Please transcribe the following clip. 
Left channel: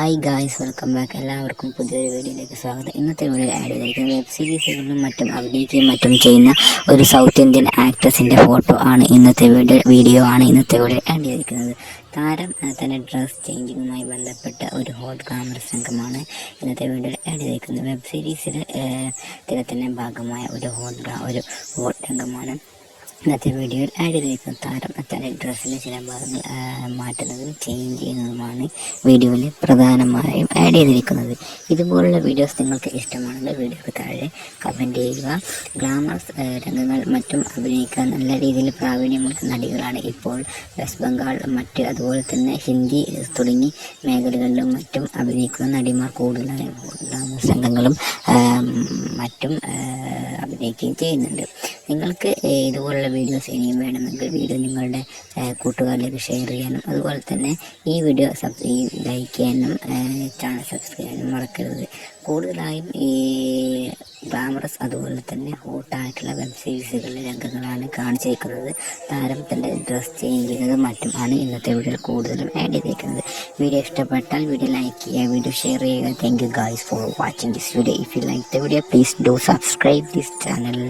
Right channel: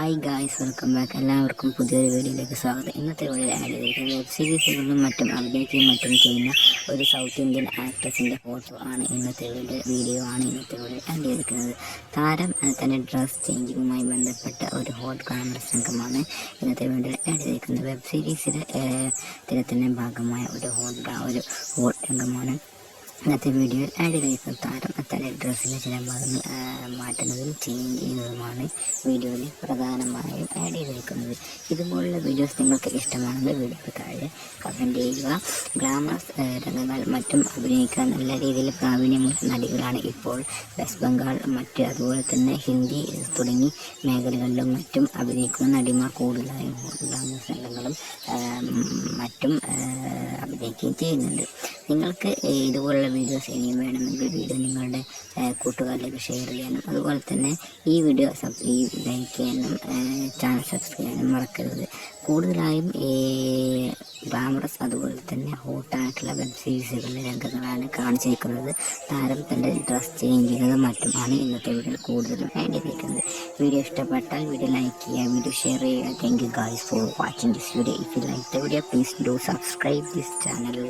Hi guys, welcome back. എല്ലാവർക്കും പുതിയൊരു വീഡിയോയിലേക്ക് സ്വാഗതം. ഇന്നത്തെ വീഡിയോയിൽ ആഡ് ചെയ്തിരിക്കുന്നത് വെബ് സീരീസുകളിലും മറ്റും അഭിനയിക്കുകയും മറ്റും ചെയ്യുന്ന ഒരു സൗത്ത് ഇന്ത്യൻ ആക്ട്രസിൻ്റെ ഫോട്ടോ ആണ് ഇന്നത്തെ വീഡിയോ ആഡ് ചെയ്തിരിക്കുന്നത്. താരം തൻ്റെ ഡ്രസ് ചേഞ്ചിങ്ങുമായി ബന്ധപ്പെട്ട ഒരു ഹോട്ട് ഗ്ലാമറസ് രംഗമാണ് ഇന്നത്തെ വീഡിയോയിൽ ആഡ് ചെയ്തിരിക്കുന്നത്. വെബ് സീരീസിലെ തിരത്തിൻ്റെ ഭാഗമായ ഒരു ഹോട്ട് രംഗമാണ് ഇന്നത്തെ വീഡിയോയിൽ ആഡ് ചെയ്തിരിക്കുന്നത്. താരം തൻ്റെ ഡ്രസ്സിലെ ചില ഭാഗങ്ങൾ മാറ്റുന്നതും ചേഞ്ച് ചെയ്യുന്നതുമാണ് വീഡിയോയിൽ പ്രധാനമായും ആഡ് ചെയ്തിരിക്കുന്നത്. ഇതുപോലുള്ള വീഡിയോസ് നിങ്ങൾക്ക് ഇഷ്ടമാണെങ്കിൽ വീഡിയോക്ക് താഴെ കമൻറ്റ് ചെയ്യുക. ഗ്ലാമറസ് രംഗങ്ങൾ മറ്റും അഭിനയിക്കാൻ നല്ല രീതിയിൽ പ്രാവീണ്യമുള്ള നടികളാണ് ഇപ്പോൾ വെസ്റ്റ് ബംഗാൾ അതുപോലെ തന്നെ ഹിന്ദി തുടങ്ങി മേഖലകളിലും മറ്റും അഭിനയിക്കുന്ന നടിമാർ കൂടുതലാണ്. ഗ്ലാമറസ് രംഗങ്ങളും മറ്റും അഭിനയിക്കുകയും ചെയ്യുന്നുണ്ട്. നിങ്ങൾക്ക് ഇതുപോലുള്ള വീഡിയോസ് ഇനിയും വേണമെങ്കിൽ വീഡിയോ നിങ്ങളുടെ കൂട്ടുകാരിലേക്ക് ഷെയർ ചെയ്യാനും അതുപോലെ തന്നെ ഈ വീഡിയോ ലൈക്ക് ചെയ്യാനും ചാനൽ സബ്സ്ക്രൈബ് ചെയ്യാനും മറക്കരുത്. കൂടുതലായും ഈ ഗ്ലാമറസ് അതുപോലെ തന്നെ ഹോട്ടായിട്ടുള്ള വെബ് സീരീസുകളിലെ രംഗങ്ങളാണ് കാണിച്ചിരിക്കുന്നത്. താരത്തിൻ്റെ ഡ്രസ് ചേഞ്ച് ചെയ്യുന്നത് മറ്റുമാണ് ഇന്നത്തെ വീഡിയോയിൽ കൂടുതലും ആഡ് ചെയ്തിരിക്കുന്നത്. വീഡിയോ ഇഷ്ടപ്പെട്ടാൽ വീഡിയോ ലൈക്ക് ചെയ്യുക, വീഡിയോ ഷെയർ ചെയ്യുക. Thank you guys for watching this video. If you like the video, please do subscribe this channel.